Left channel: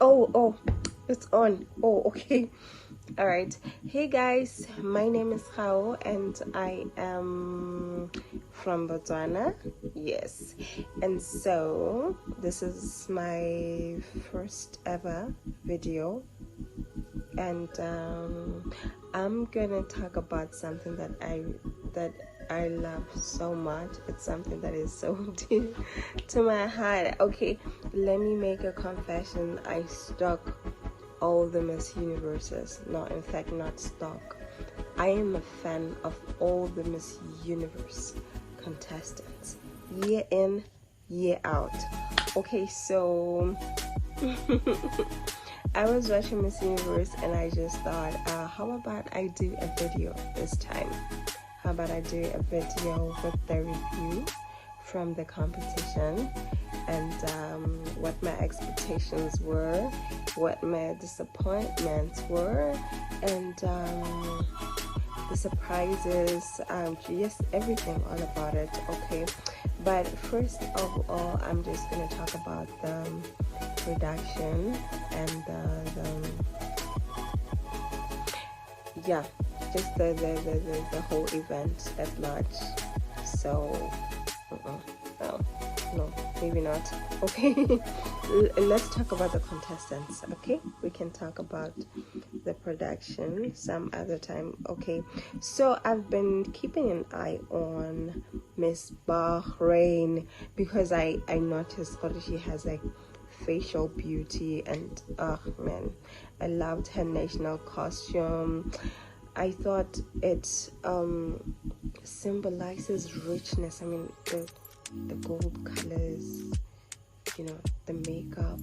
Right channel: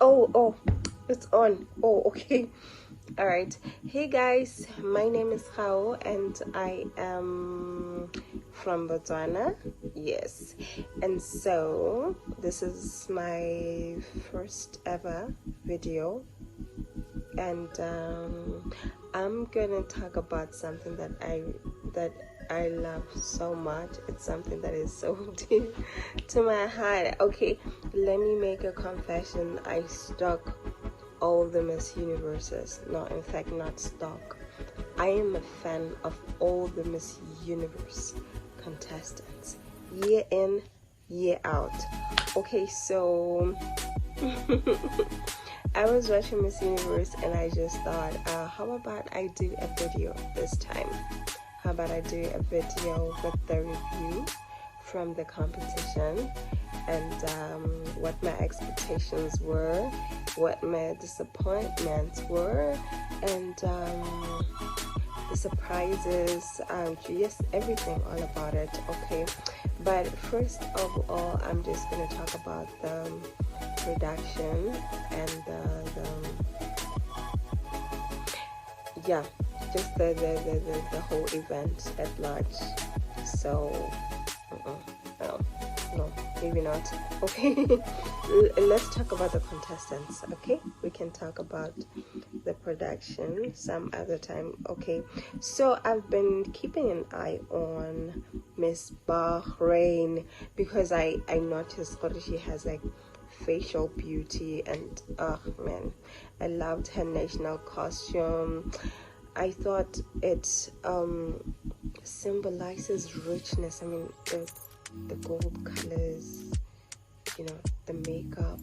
Oh, it's on. Oh, okay. All right. Hey guys, my name is Hao and I am from Botswana. Yes. And so this is my first ever video, and I'm gonna talk about something that I love so much. It's something that is so dear to my heart. Okay, let me make a confession. I stalk all the Miss Universes. No, in fact, not stalk. I am a fan of all the Miss Universe contestants, year in, year out. Okay, so I was watching Miss Universe and I just thought, how about I do a video this time? How about I do a video with the review from the competition and what my expectations were, what my disappointments were, and the surprises, just everything all about it. Okay, but first of all, I'm just gonna talk about the production and yeah, just the whole event at large. So no, maybe not. Okay, let's talk about the contestants. Okay, we can talk about the production some other time. Okay, so I've been keeping an eye on Miss Bahrain because I noticed that she has like facial beauty, and oh man, I loved her national costume. I thought it symbolizes richness. I mean, the gold colors, the makeup,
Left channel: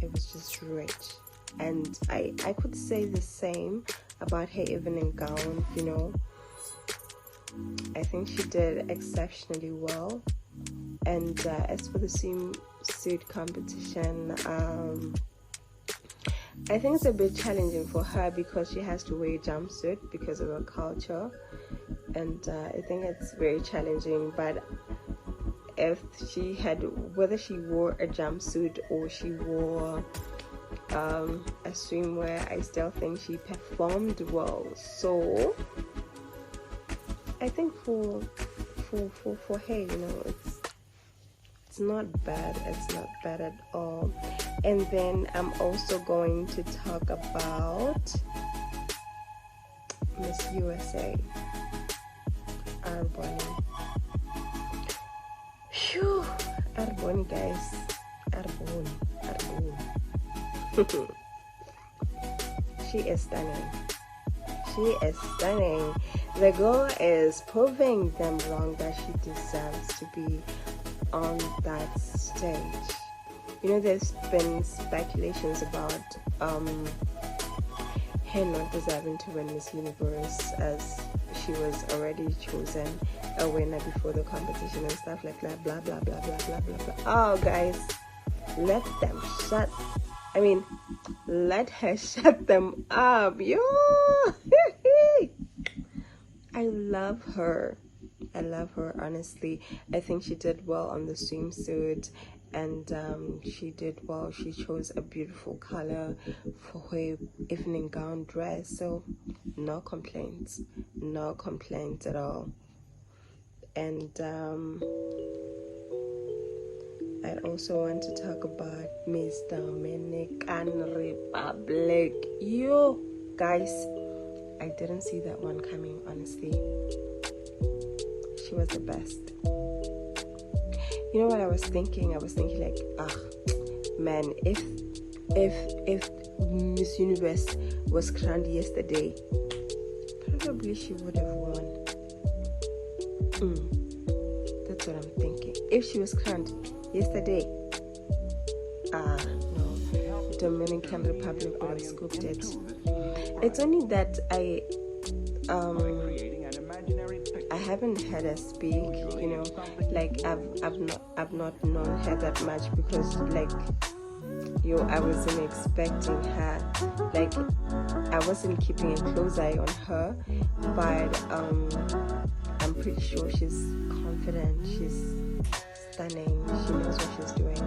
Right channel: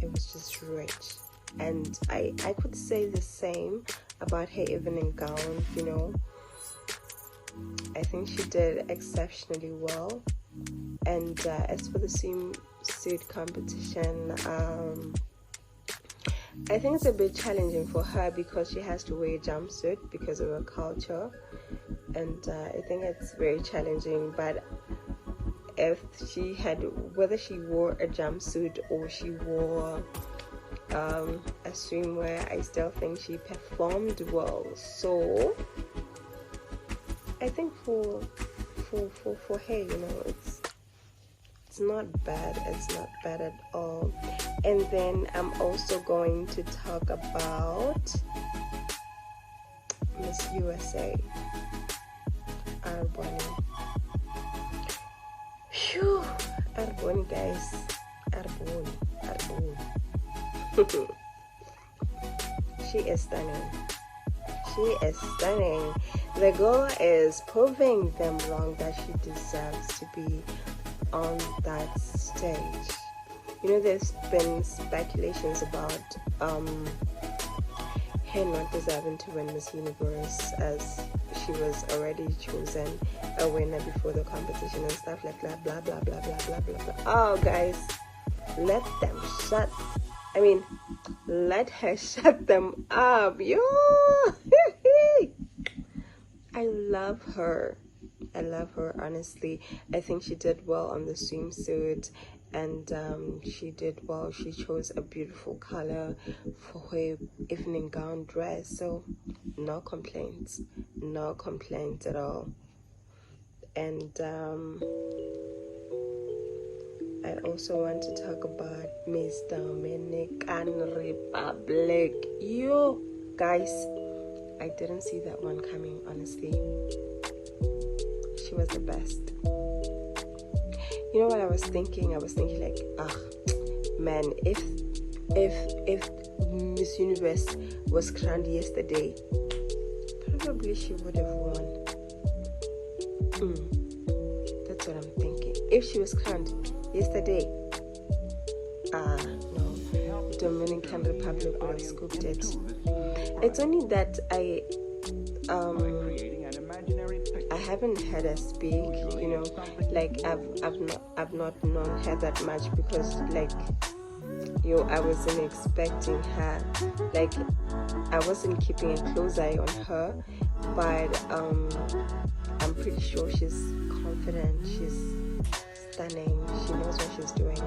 it was just rich. And I could say the same about her evening gown. I think she did exceptionally well. And as for the swimsuit competition, I think it's a bit challenging for her because she has to wear a jumpsuit because of her culture, and I think it's very challenging. But if whether she wore a jumpsuit or she wore a swimwear, I still think she performed well. So I think for her, it's not bad. It's not bad at all. And then I'm also going to talk about Miss USA. Phew, Arbonne, guys. Arbonne. She is stunning. She is stunning. The girl is proving them wrong that she deserves to be on that stage. There's been speculations about her not deserving to win Miss Universe, as she was already chosen a winner before the competition and stuff like that, blah blah blah blah blah blah. Oh guys, let her shut them up. I love her, honestly. I think she did well on the swimsuit, and she did well. She chose a beautiful color for her evening gown dress, so no complaints at all. And I also want to talk about Miss Dominican Republic. You guys, I didn't see that one coming, honestly. She was the best. What I was thinking? I was thinking like, man, if Miss Universe was crowned yesterday, probably she would have won. That's what I'm thinking. If she was crowned yesterday, Dominican Republic was cooked it. It's only that I haven't heard her speak, like I've not known her that much because I wasn't expecting her, like I wasn't keeping a close eye on her, but I'm pretty sure she's confident, she's stunning, she knows what she's doing,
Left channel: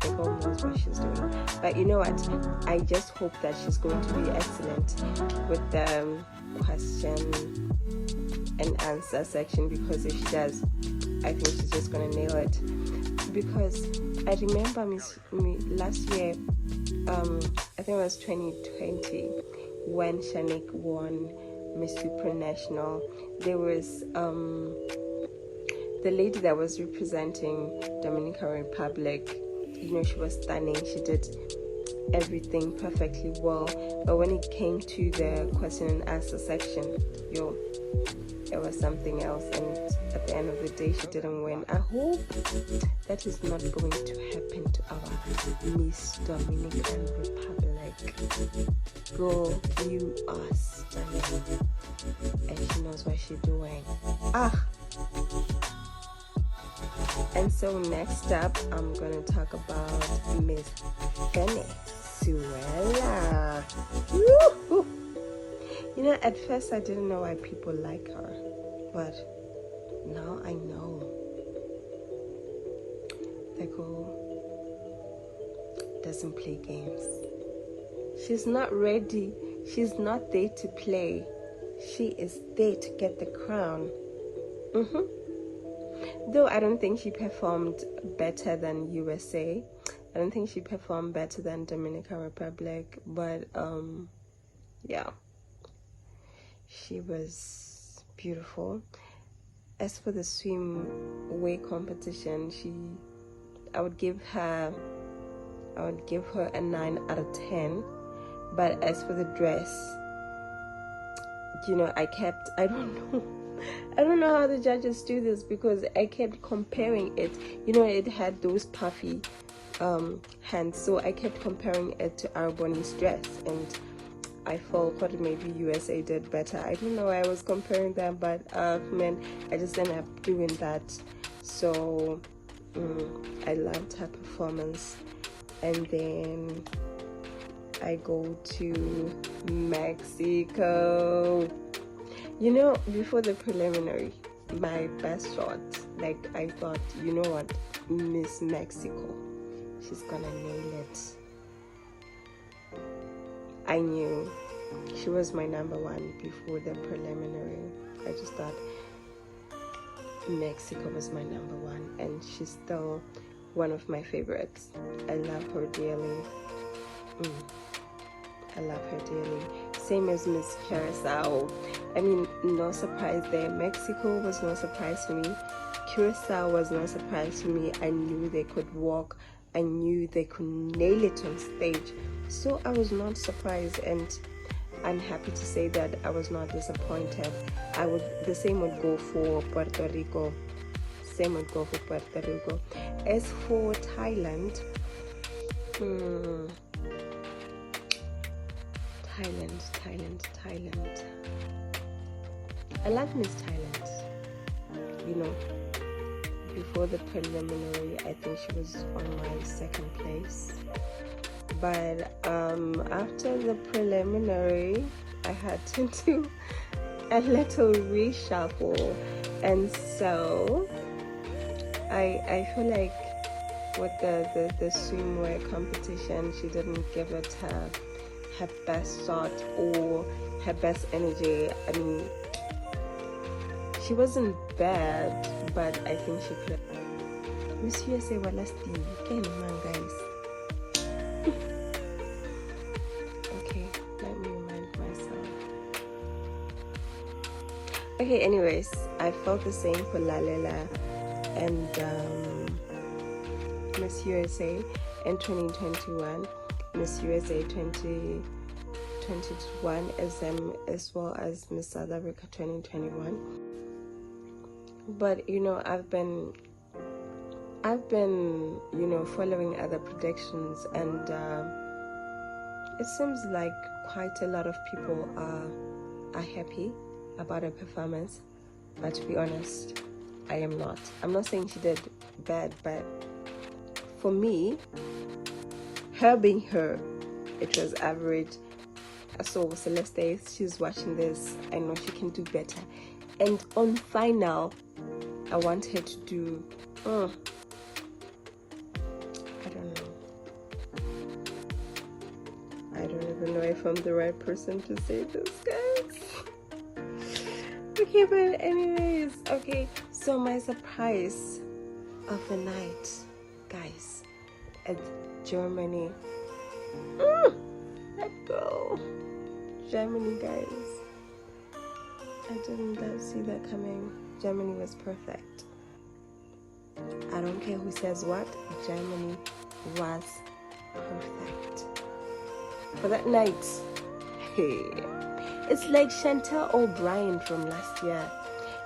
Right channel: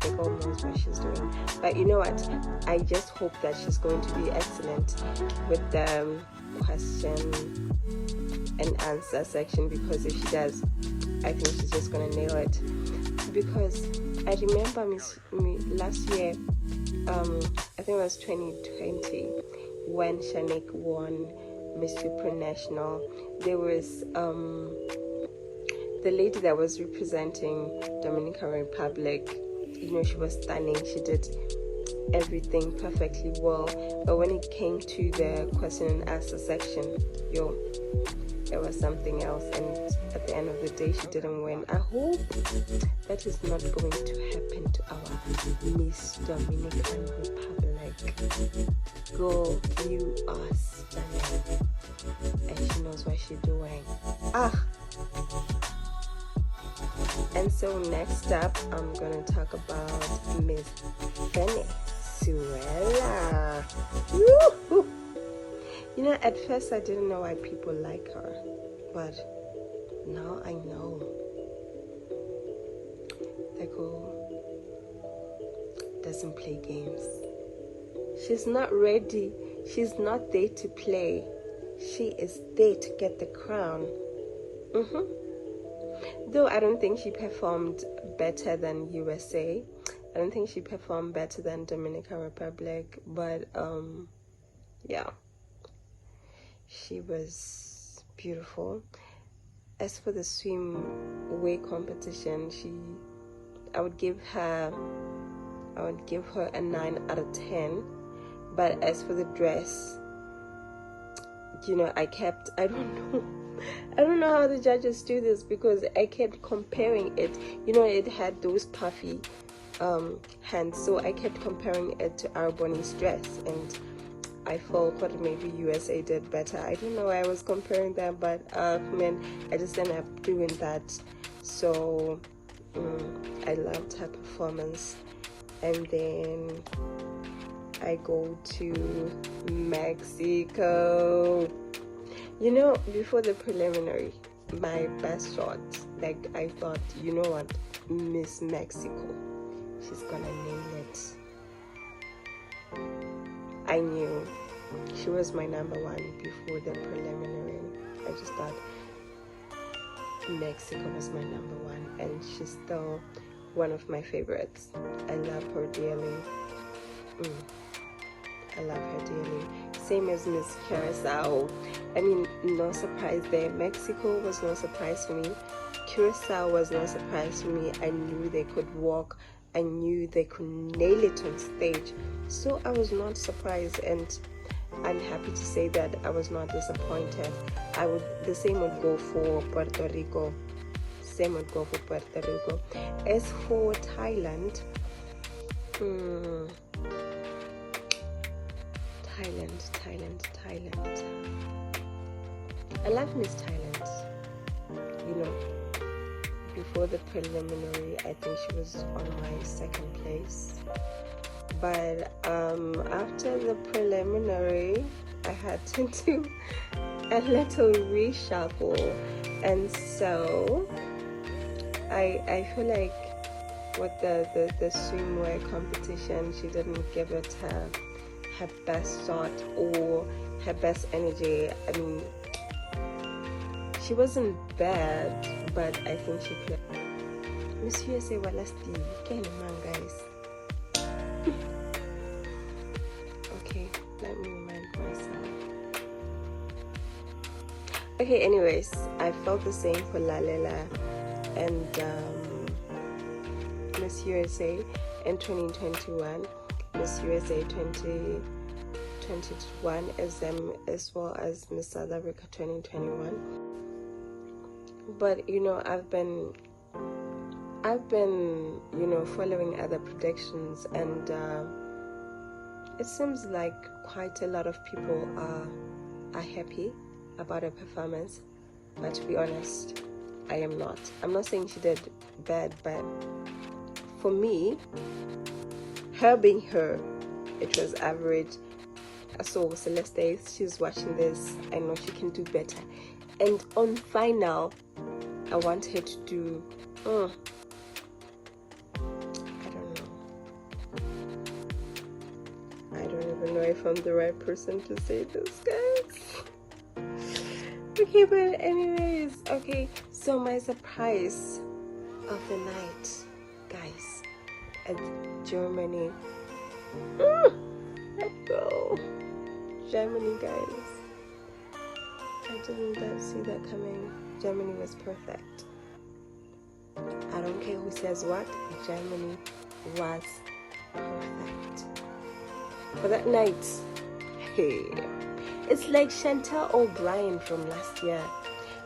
the girl knows what she's doing. But But you know what? I just hope that she's going to be excellent with the question and answer section, because if she does, I think she's just going to nail it. Because I remember last year, I think it was 2020, when Shanique won Miss Supranational. There was the lady that was representing Dominican Republic. You know, she was stunning. She did everything perfectly well. But when it came to the question and answer section, it was something else. And at the end of the day, she didn't win. I hope that is not going to happen to our Miss Dominican Republic. Girl, you are stunning, and she knows what she's doing. And so next up, I'm going to talk about Miss Venezuela. You know, at first I didn't know why people like her, but now I know. The girl doesn't play games. She's not ready. She's not there to play. She is there to get the crown. Though I don't think she performed better than USA. I don't think she performed better than Dominican Republic. But yeah, she was beautiful. As for the swim competition, I would give her a 9 out of 10. But as for the dress, you know, I don't know how the judges do this, because I kept comparing it. You know, it had those puffy hands, so I kept comparing it to Arbonne's dress, and I felt that maybe USA did better. I don't know why I was comparing that, but I just ended up doing that. So I loved her performance. And then I go to Mexico. You know, before the preliminary, my best shot, like, I thought, you know what, Miss Mexico, she's gonna nail it. I knew she was my number one before the preliminary. I just thought Mexico was my number one, and she's still one of my favorites. I love her dearly. I love her dearly. Same as Miss Curacao. I mean, no surprise there. Mexico was no surprise to me. Curacao was no surprise to me. I knew they could walk. I knew they could nail it on stage. So I was not surprised, and I'm happy to say that I was not disappointed. The same would go for Puerto Rico. Same would go for Puerto Rico. As for Thailand, Thailand. I love Miss Thailand. You know, before the preliminary, I think she was on my second place. But after the preliminary, I had to do a little reshuffle, and so I feel like with the swimwear competition, she didn't give it her best shot or her best energy. I mean, she wasn't bad, but I think she could. Miss USA, well, let's see. Come on, guys. Okay, let me move myself. Okay, anyways, I felt the same for Lalela and Miss USA in 2021. Miss USA 2021 as well as Miss South Africa 2021. But you know, I've been you know, following other predictions, and it seems like quite a lot of people are happy about her performance. But to be honest, I am not. I'm not saying she did bad, but for me, her being her, it was average. So Celeste, if she's watching this, I know she can do better. And on final, I want her to do, I don't know. found the right person to say this, guys. Okay, but anyways, okay, so my surprise of the night, guys, at Germany. Let's go. Germany, guys. I didn't see that coming. Germany was perfect. I don't care who says what, Germany was perfect. That night, hey, it's like Chantel O'Brien from last year.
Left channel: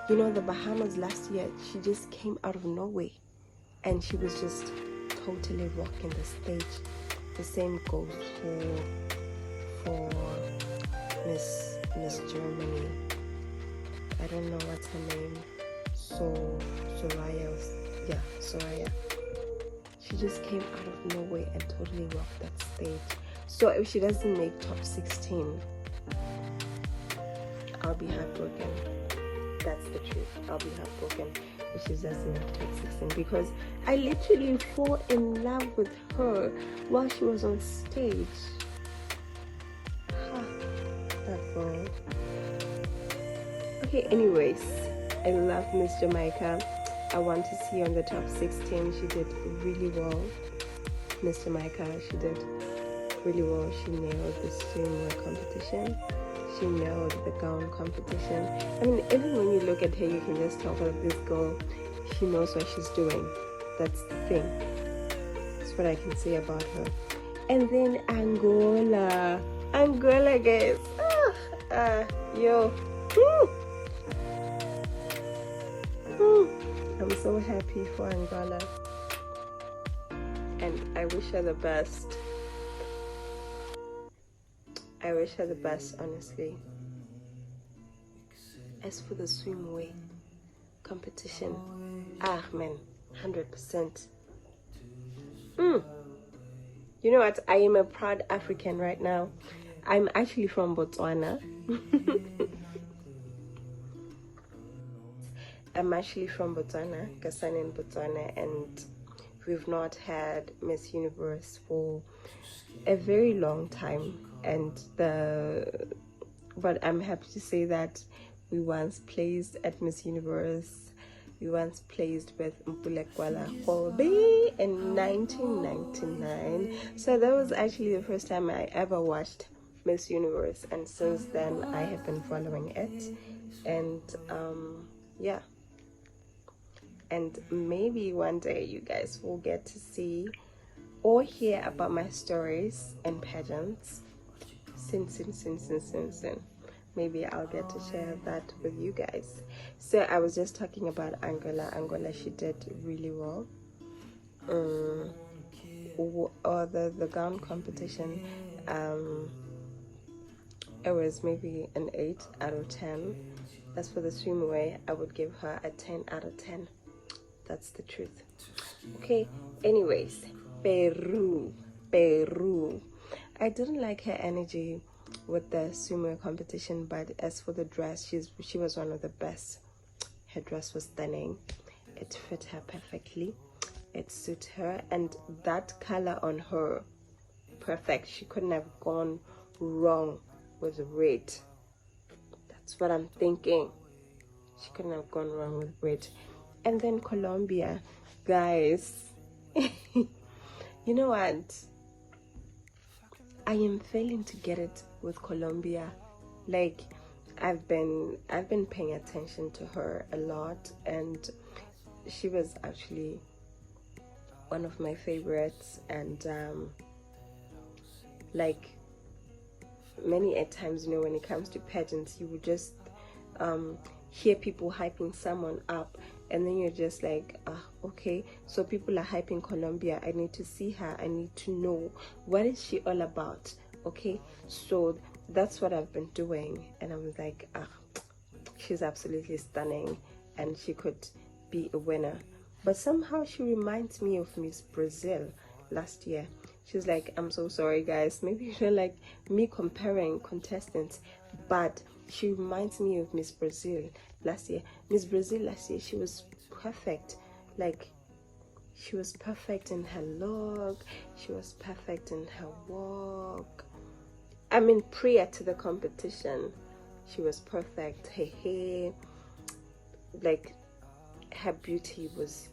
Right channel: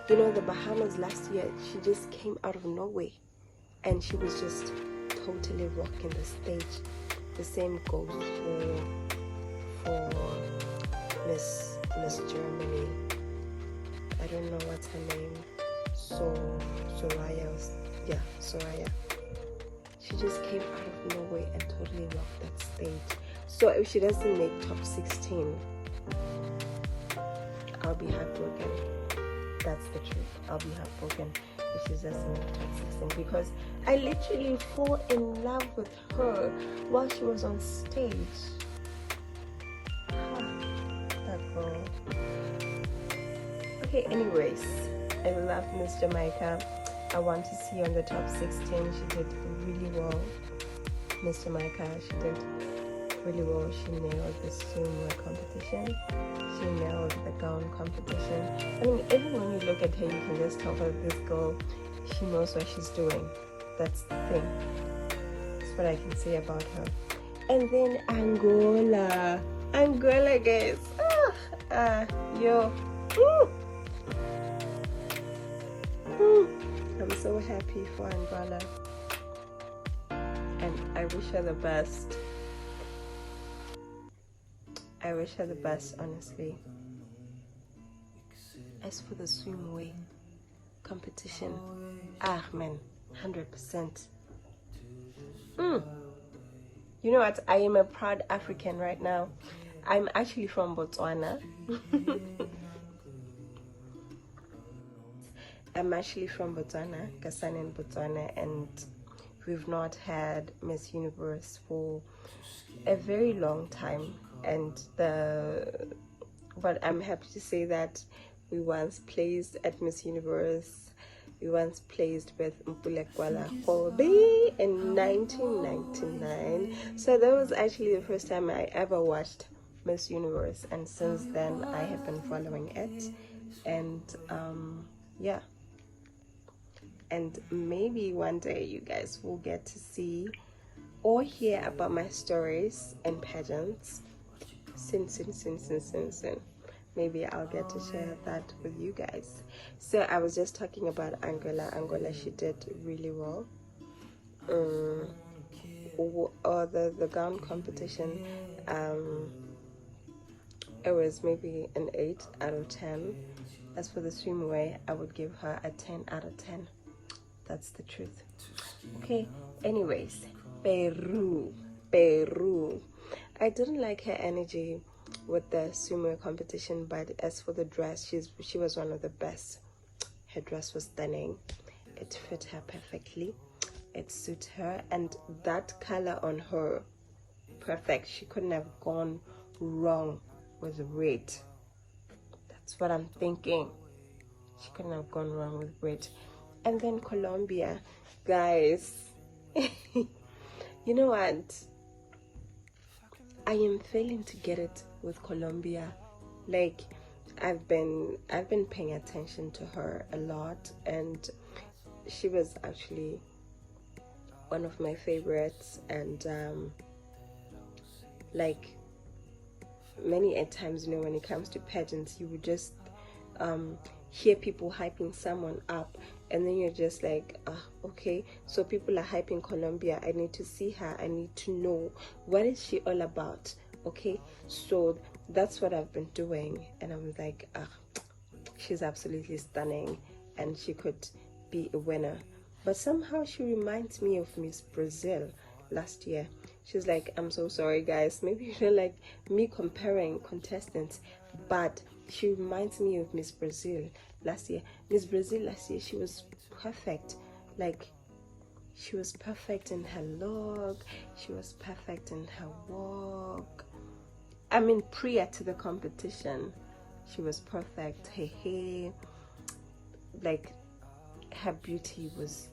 You know, the Bahamas last year, she just came out of nowhere and she was just totally rocking the stage. The same goes for Miss Germany. I don't know what's her name. Soraya. She just came out of nowhere and totally rocked that stage. So if she doesn't make top 16, I'll be heartbroken. That's the truth. I'll be heartbroken if she doesn't make top 16, because I literally fell in love with her while she was on stage. Okay, anyways, I love Miss Jamaica. I want to see her in the top 16. She did really well. Miss Jamaica, she did really well. She nailed the swimming competition. She nailed the gown competition. I mean, even when you look at her, you can just tell that this girl, she knows what she's doing. That's the thing. That's what I can say about her. And then Angola, guys. I'm so happy for Angola, and I wish her the best. I wish her the best, honestly. As for the swimwear competition, man, 100%. You know what? I am a proud African right now. I'm actually from Botswana. I'm actually from Botswana, Kasane in Botswana, and we've not had Miss Universe for a very long time. But I'm happy to say that we once placed at Miss Universe. We once placed with Mpulekwana Kobe in 1999. So that was actually the first time I ever watched Miss Universe, and since then I have been following it. And yeah. And maybe one day you guys will get to see or hear about my stories in pageants. Soon. Maybe I'll get to share that with you guys. So I was just talking about Angola. She did really well. The gown competition, it was maybe an 8 out of 10. As for the swimwear, I would give her a 10 out of 10. That's the truth. Okay, anyways, Peru. I didn't like her energy with the swimwear competition, but as for the dress, she was one of the best. Her dress was stunning. It fit her perfectly. It suited her, and that color on her, perfect. She couldn't have gone wrong with red. That's what I'm thinking. She couldn't have gone wrong with red. And then Colombia, guys. You know what? I am failing to get it with Colombia. Like, I've been paying attention to her a lot, and she was actually one of my favorites. And like many a times, you know, when it comes to pageants, you would just hear people hyping someone up, and then you're just like, okay, so people are hyping Colombia. I need to see her. I need to know, what is she all about? Okay, so that's what I've been doing, and I was like, she's absolutely stunning, and she could be a winner. But somehow she reminds me of Miss Brazil last year. She's like, I'm so sorry guys, maybe you don't like me comparing contestants, but she reminds me of Miss Brazil last year. Miss Brazil last year, she was perfect. Like, she was perfect in her look, she was perfect in her walk. I mean, prior to the competition, she was perfect. Her hair, like, her beauty was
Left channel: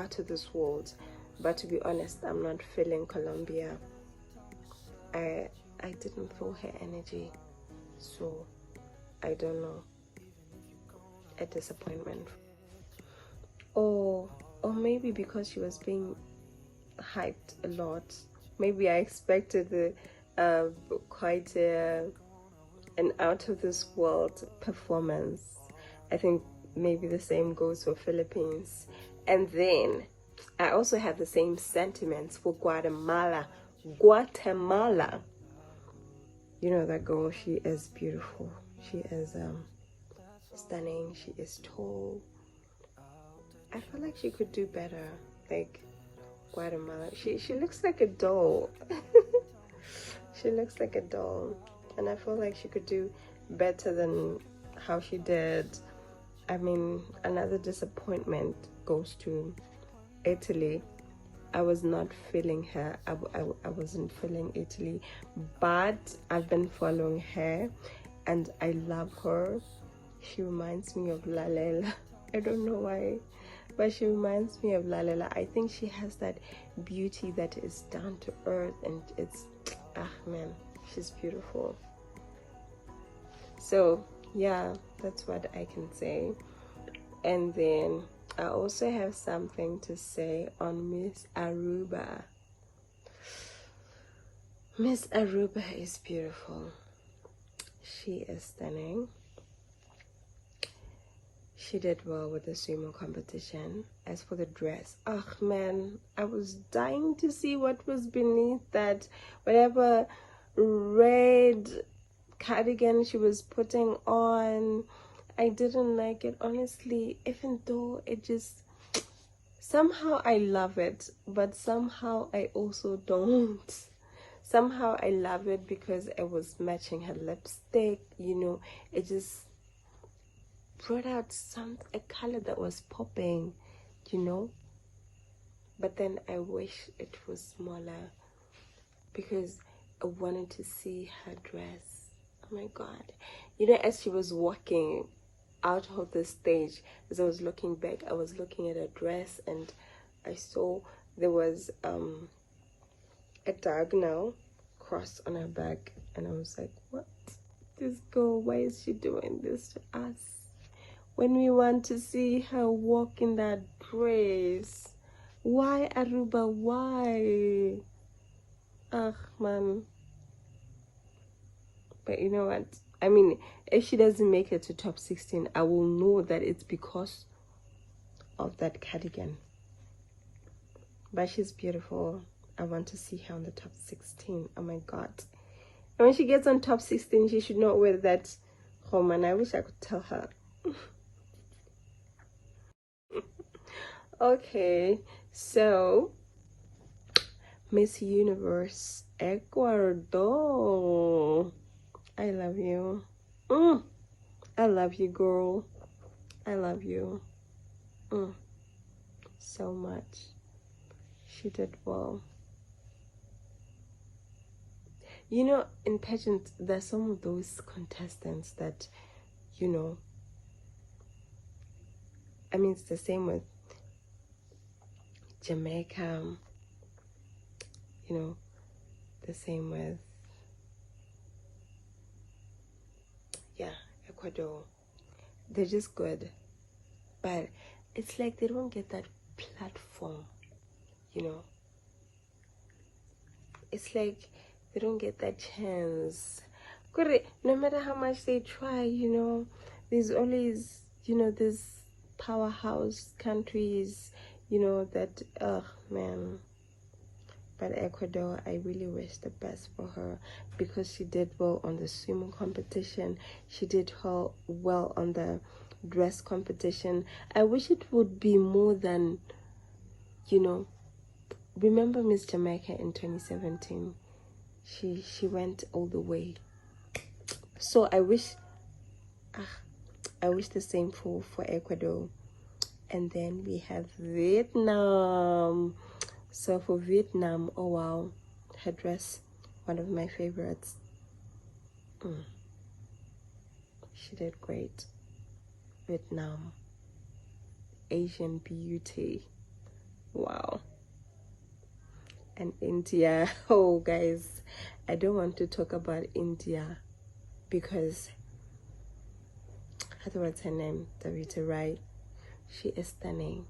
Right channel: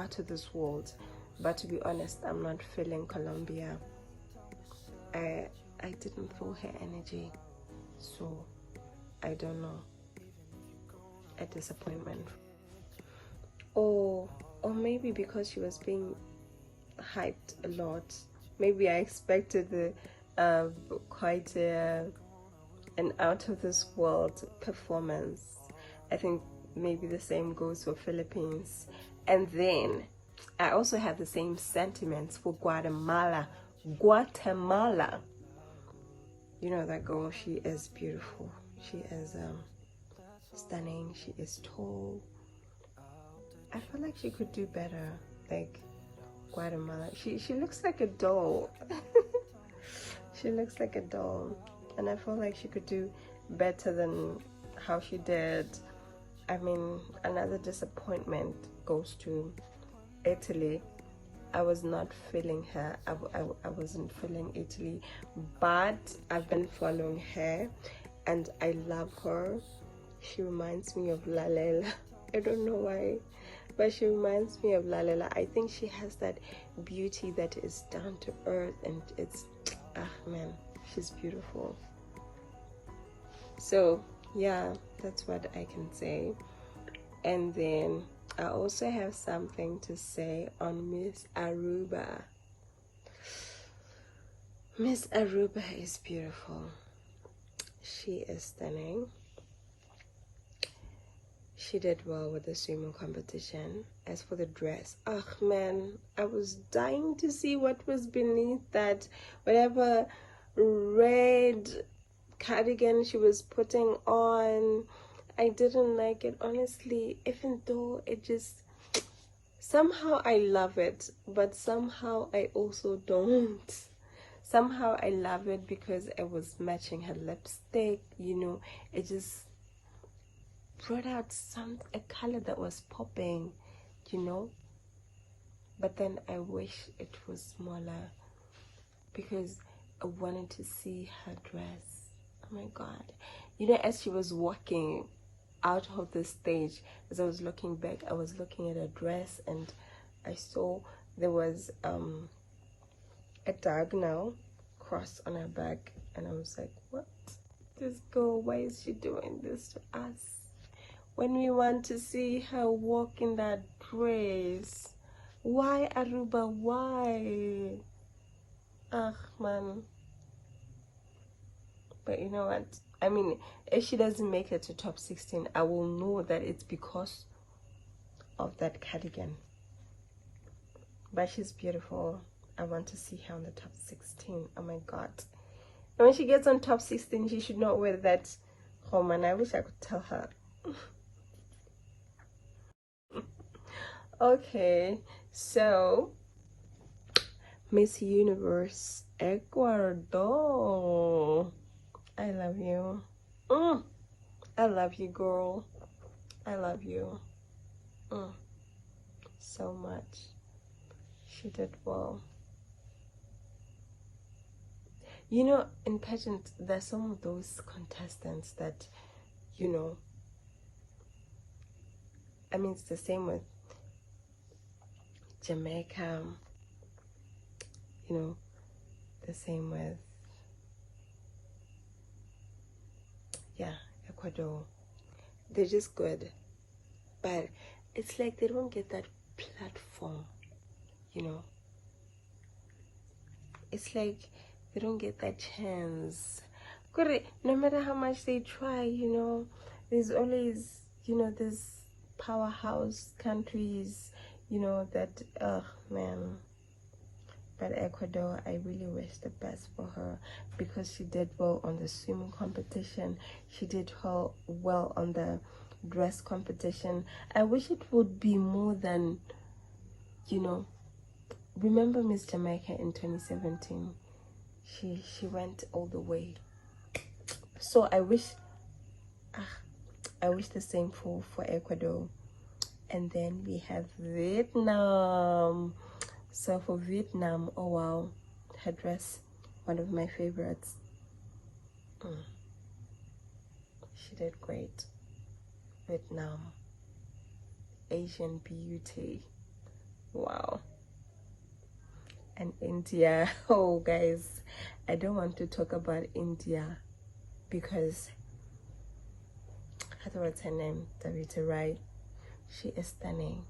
out of this world. But to be honest, I'm not feeling Colombia. I didn't feel her energy, so I don't know. A disappointment. Or maybe because she was being hyped a lot. Maybe I expected quite an out of this world performance. I think maybe the same goes for Philippines. And then I also have the same sentiments for Guatemala. Guatemala. You know that girl, she is beautiful. She is stunning. She is tall. I feel like she could do better. Like Guatemala. She looks like a doll. She looks like a doll. And I feel like she could do better than how she did. I mean, another disappointment goes to Italy. I was not feeling her. I wasn't feeling Italy. But I've been following her and I love her. She reminds me of Lalela. I don't know why, but she reminds me of Lalela. I think she has that beauty that is down to earth, and it's, man, she's beautiful. So yeah, that's what I can say. And then I also have something to say on Miss Aruba. Miss Aruba is beautiful. She is stunning. She did well with the sumo competition. As for the dress, oh man, I was dying to see what was beneath that, whatever red cardigan she was putting on. I didn't like it, honestly, even though it just, somehow I love it, but somehow I also don't. Somehow I love it because it was matching her lipstick, you know, it just brought out a color that was popping, you know. But then I wish it was smaller because I wanted to see her dress. Oh my god. You know, as she was walking out of the stage, as I was looking back, I was looking at her dress and I saw there was a diagonal cross on her back, and I was like, what? This girl, why is she doing this to us? When we want to see her walk in that dress. Why, Aruba? Why? Ah, man. But you know what? I mean, if she doesn't make it to top 16, I will know that it's because of that cardigan. But she's beautiful. I want to see her on the top 16. Oh my god. But when she gets on top 16, she should not wear that home, and I wish I could tell her. Okay, so Miss Universe Ecuador. I love you. I love you, girl. I love you. So much. She did well. You know, in pageants, there's some of those contestants that, you know, I mean, it's the same with Jamaica, you know, the same with, yeah, Ecuador. They're just good, but it's like they don't get that platform, you know. It's like they don't get that chance. No matter how much they try, you know, there's always, you know, this powerhouse countries, you know, that, man. But Ecuador, I really wish the best for her because she did well on the swimming competition. She did well on the dress competition. I wish it would be more than, you know, remember Miss Jamaica in 2017? She went all the way. So I wish the same for Ecuador. And then we have Vietnam. So for Vietnam, oh wow, her dress, one of my favorites. She did great. Vietnam, Asian beauty. Wow. And India. Oh, guys, I don't want to talk about India because I don't know what's her name, Davita, right? She is stunning.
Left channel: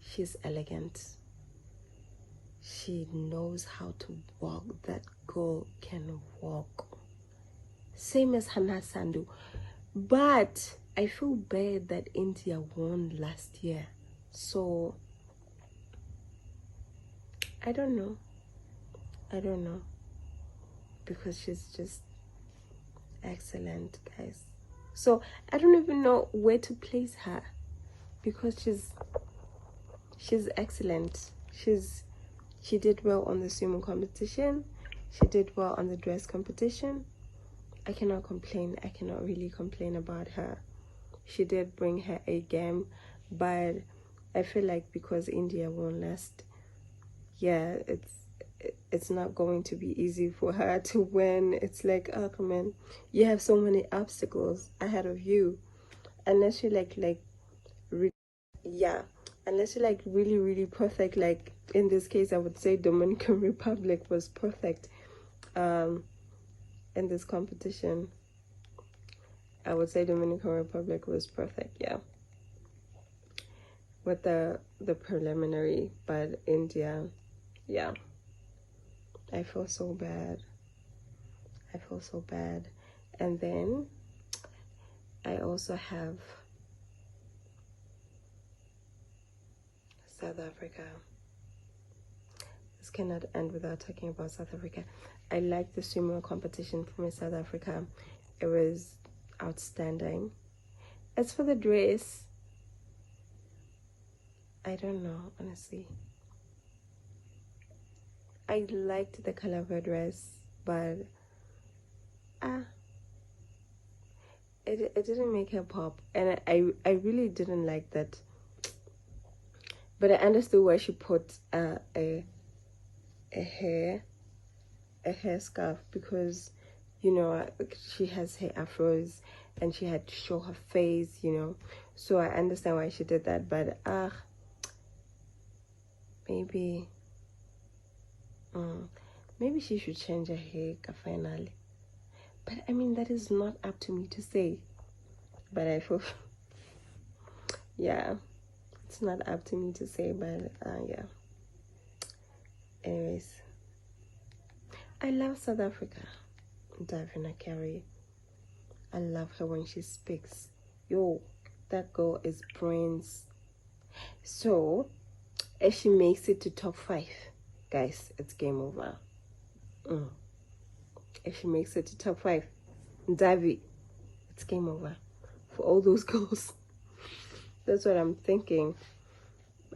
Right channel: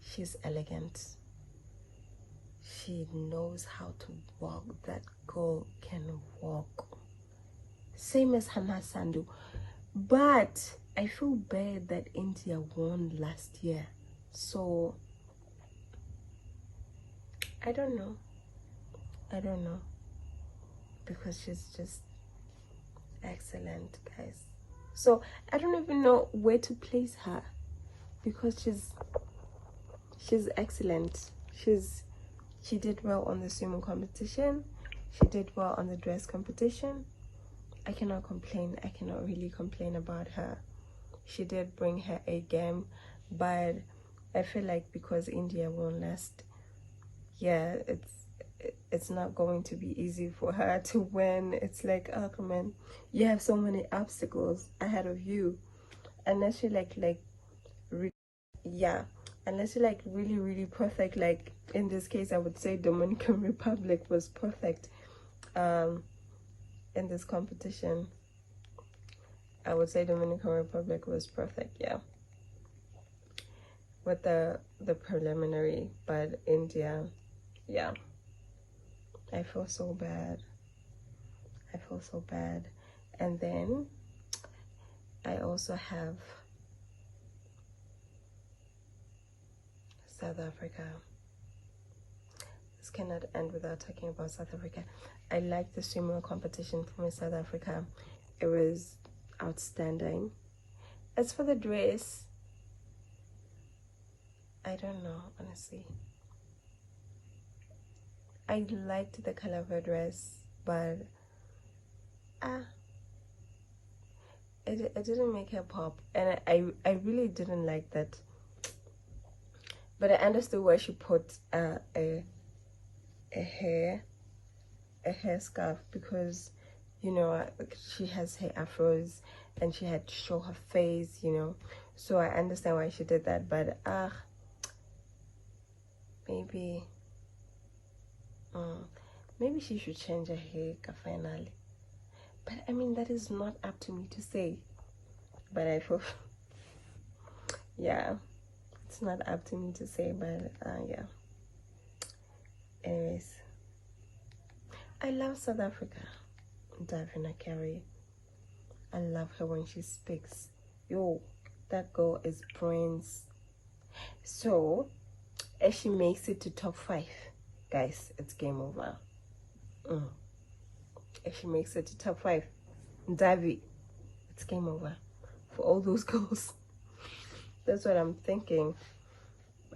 She's elegant. She knows how to walk. That girl can walk. Same as Hannah Sandhu. But I feel bad that India won last year. So, I don't know. Because she's just excellent, guys. So, I don't even know where to place her. Because she's excellent. She did well on the swimming competition. She did well on the dress competition. I cannot complain. I cannot really complain about her. She did bring her A game, but I feel like because India won last, yeah, it's not going to be easy for her to win. It's like, oh man, you have so many obstacles ahead of you, unless you yeah, unless you're like really perfect. Like in this case, I would say Dominican Republic was perfect. In this competition, I would say Dominican Republic was perfect. Yeah, with the preliminary, but India, yeah, I feel so bad. And then I also have South Africa. This cannot end without talking about South Africa. I like the swimwear competition from South Africa. It was outstanding. As for the dress, I don't know, honestly. I liked the color of her dress, but it didn't make her pop, and I really didn't like that. But I understood why she put a hair scarf, because she has hair afros and she had to show her face, so I understand why she did that. But maybe she should change her hair finally. But I mean, that is not up to me to say. But I feel yeah, it's not up to me to say. But yeah, anyways, I love South Africa. Davina Carey, I love her when she speaks. Yo, that girl is brains. So if she makes it to top 5, guys, it's game over. If she makes it to top 5, Davi, it's game over for all those girls. That's what I'm thinking.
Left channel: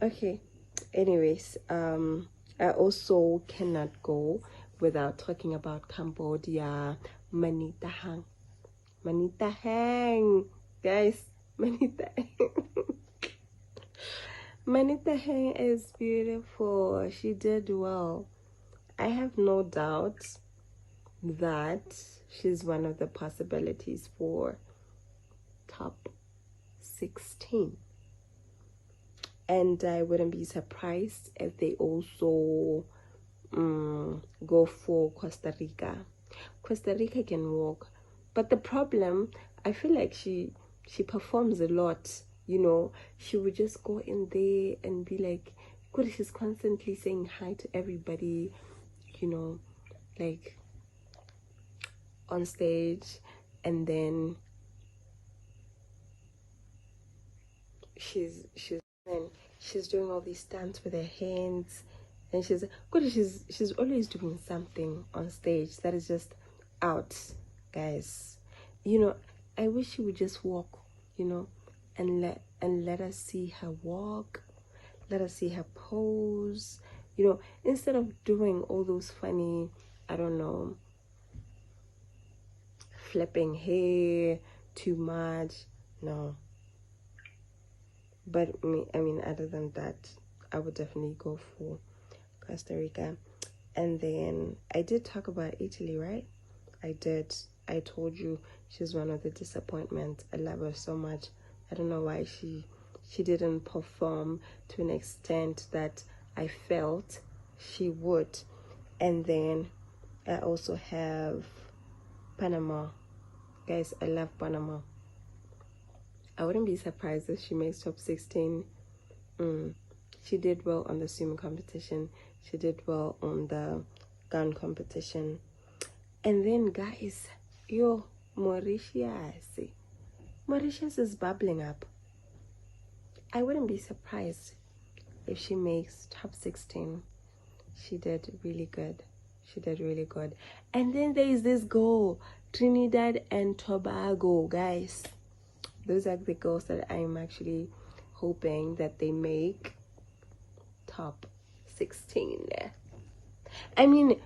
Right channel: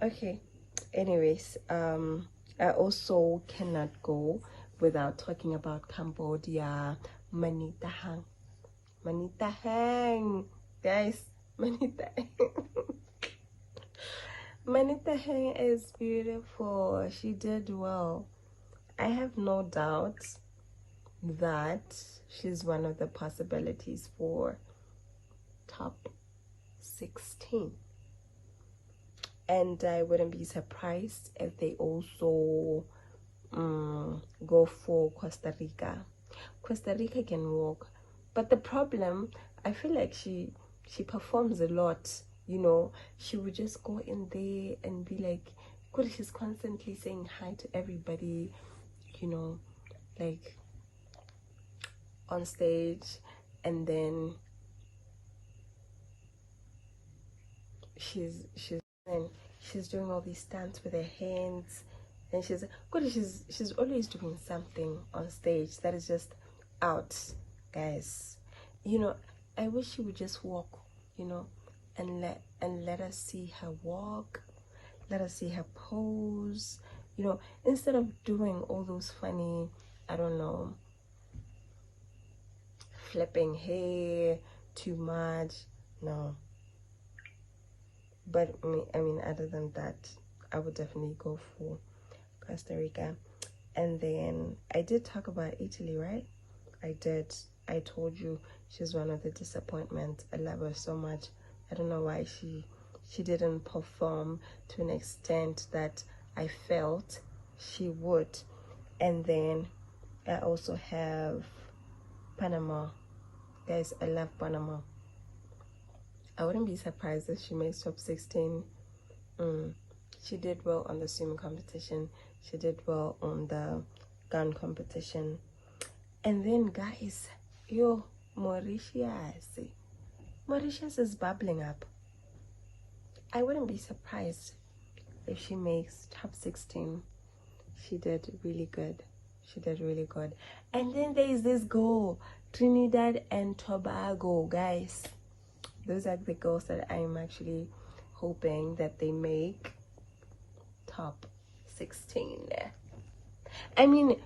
Okay, anyways, I also cannot go without talking about Cambodia. Manita Hang, guys. Manita Hang is beautiful. She did well. I have no doubt that she's one of the possibilities for top 16. And I wouldn't be surprised if they also go for Costa Rica. Costa Rica can walk, but the problem, I feel like she performs a lot. She would just go in there and be like, good, she's constantly saying hi to everybody, like on stage, and then she's doing all these stunts with her hands, and she's always doing something on stage that is just out, guys. I wish she would just walk, and let us see her walk, let us see her pose, instead of doing all those funny, I don't know, flipping hair too much. No. But I mean, other than that, I would definitely go for Costa Rica. And then I did talk about Italy, right? I did. I told you she's one of the disappointments. I love her so much. I don't know why she didn't perform to an extent that I felt she would. And then I also have Panama. Guys, I love Panama. I wouldn't be surprised if she makes top 16. She did well on the swim competition. She did well on the gun competition. And then, guys, Mauritius is bubbling up. I wouldn't be surprised if she makes top 16. She did really good. She did really good. And then there's this girl, Trinidad and Tobago, guys. Those are the girls that I'm actually hoping that they make top 16. I mean,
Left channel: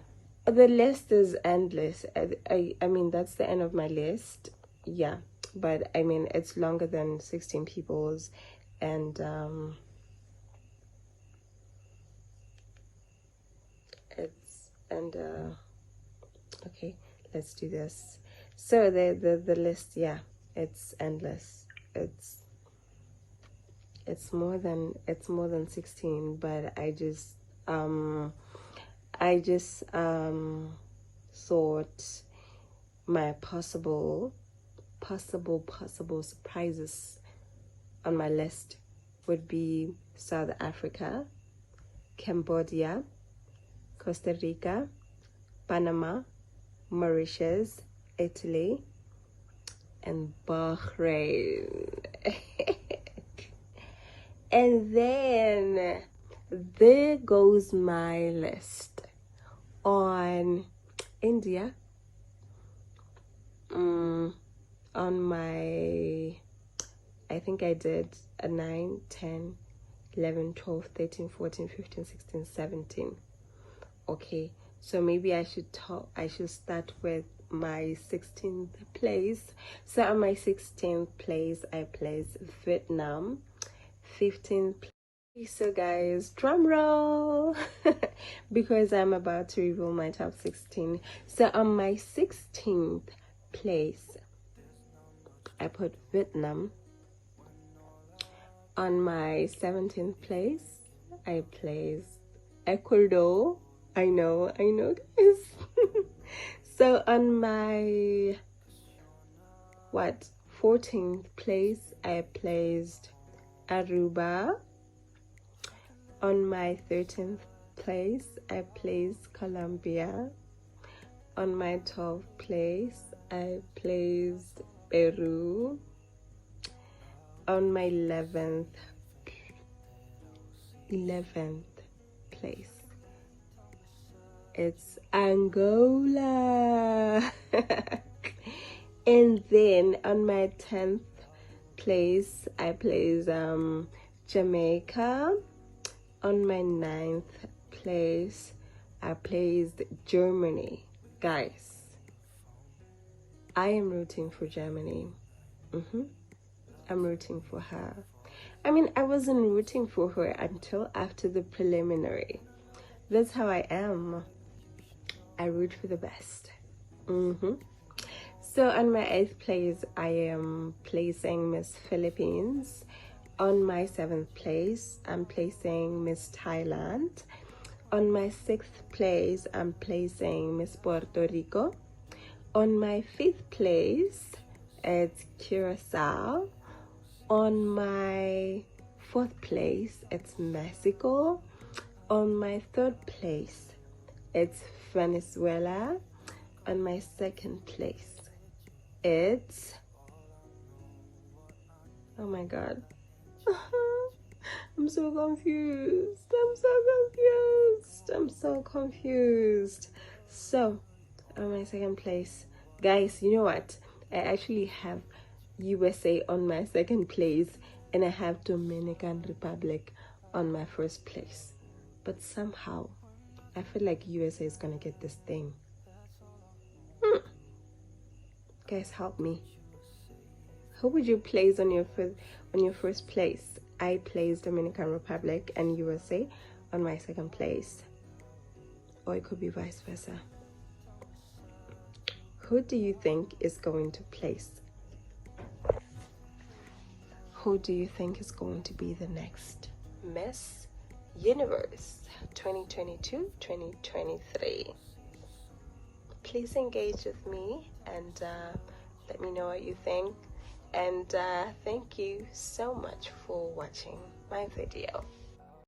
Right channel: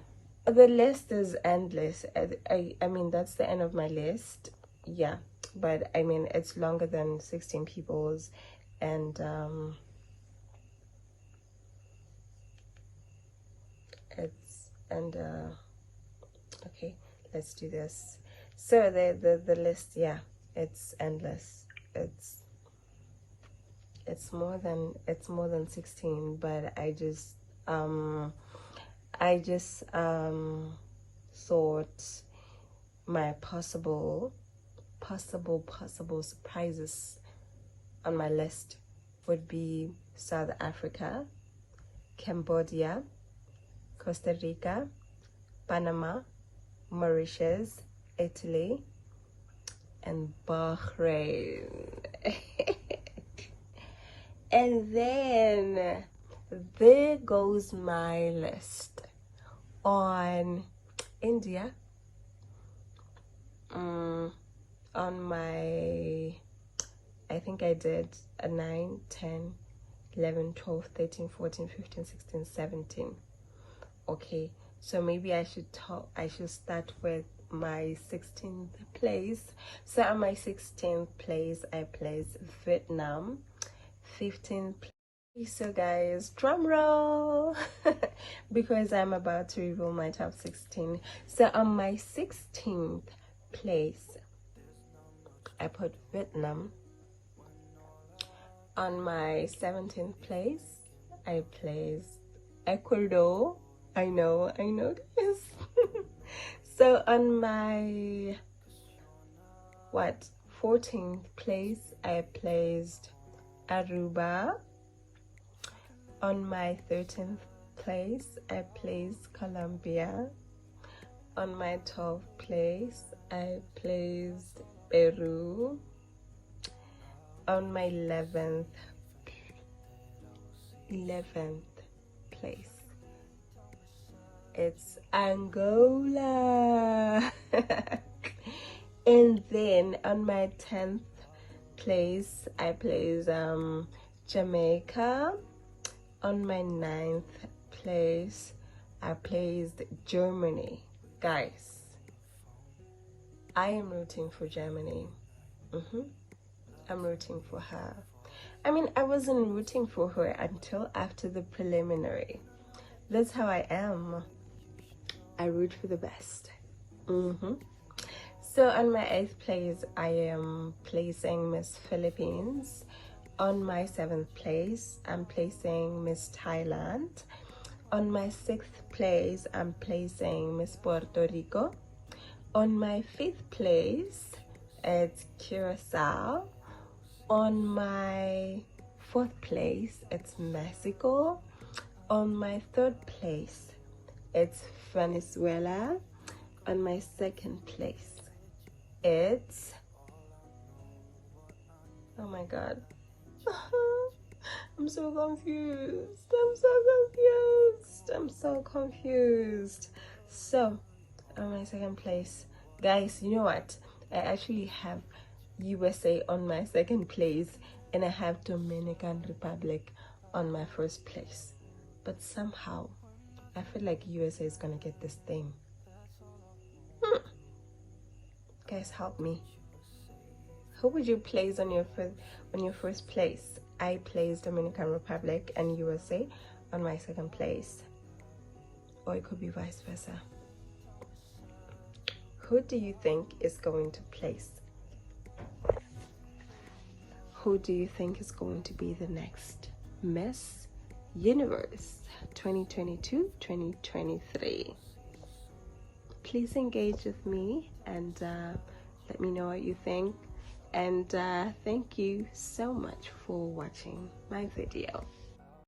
the list is endless. I mean, that's the end of my list. Yeah, but I mean, it's longer than 16 people's, and okay, let's do this. So the list, yeah, it's endless. It's more than 16, but I just thought my possible surprises on my list would be South Africa, Cambodia, Costa Rica, Panama, Mauritius, Italy, and Bahrain. And then there goes my list on India. On my, I think I did a 9, 10, 11, 12, 13, 14, 15, 16, 17. Okay, so maybe I should start with my 16th place. So on my 16th place, I place Vietnam. 15th place. So guys, drum roll, because I'm about to reveal my top 16. So on my 16th place, I put Vietnam. On my 17th place, I placed Ecuador. I know this. So on my 14th place, I placed Aruba. On my 13th place, I placed Colombia. On my 12th place, I placed Peru. On my 11th place, it's Angola. And then on my 10th place, I placed Jamaica. On my 9th place, I placed Germany. Guys, I am rooting for Germany. I'm rooting for her. I mean, I wasn't rooting for her until after the preliminary. That's how I am. I root for the best. So on my 8th place, I am placing Miss Philippines. On my 7th place, I'm placing Miss Thailand. On my 6th place, I'm placing Miss Puerto Rico. On my 5th place, it's Curacao. On my 4th place, it's Mexico. On my 3rd place, it's Venezuela. On my 2nd place, it's, oh my god, I'm so confused. So on my 2nd place, guys, you know what, I actually have USA on my 2nd place, and I have Dominican Republic on my 1st place. But somehow I feel like USA is gonna get this thing. Guys, help me. Who would you place on your first place? I placed Dominican Republic and USA on my 2nd place, or it could be vice versa. Who do you think is going to place? Who do you think is going to be the next Miss Universe 2022-2023? Please engage with me and let me know what you think. And thank you so much for watching my video.